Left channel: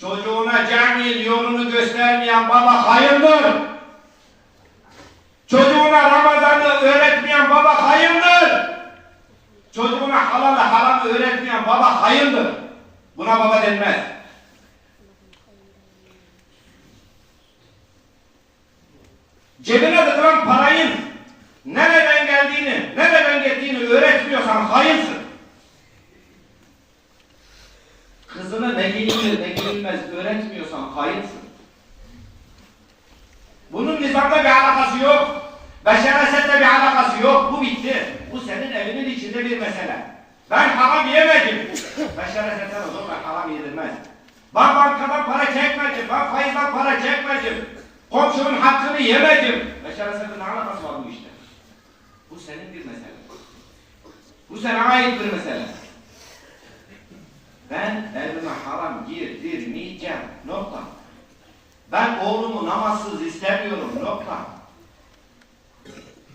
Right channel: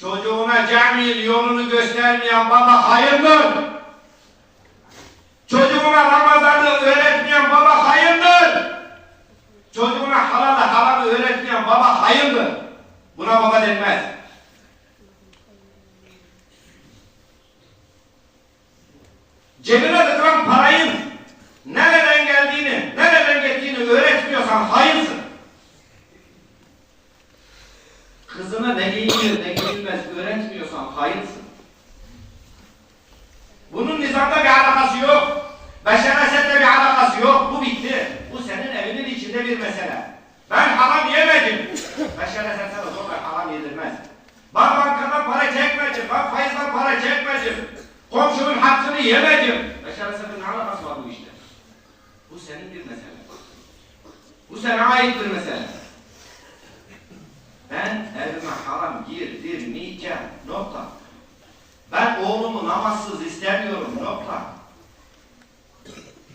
Çocuğuna cami yolunu göstermeyen baba hayırdır. Çocuğuna Ramazan'ı öğretmeyen baba hayırdır. Çocuğuna halalı haramı öğretmeyen baba hayırdır. Buna baba denmez. Cebine tıkılan parayın nereden geldiğini, nereden gittiğini öğretmiyorsan hayırsın. Kızına ne giyinir ne giyinmez öğretmiyorsan hayırsın. Bunun nizamda bir alakası yok. Beşeresetle bir alakası yok. Bu bitti. Bu senin evinin içinde bir mesele. Ben haram yemedim. Beşeresete zorla haram yedirmez. Ben bankadan para çekmedim. Ben faizden para çekmedim. Komşunun hakkını yemedim. Beşeresetle ne alakası var bu işte? Bu senin bir mesele. Bu sana ait bir mesele. Ben evime haram girdirmeyeceğim. Ama siz istemiyorum doktor.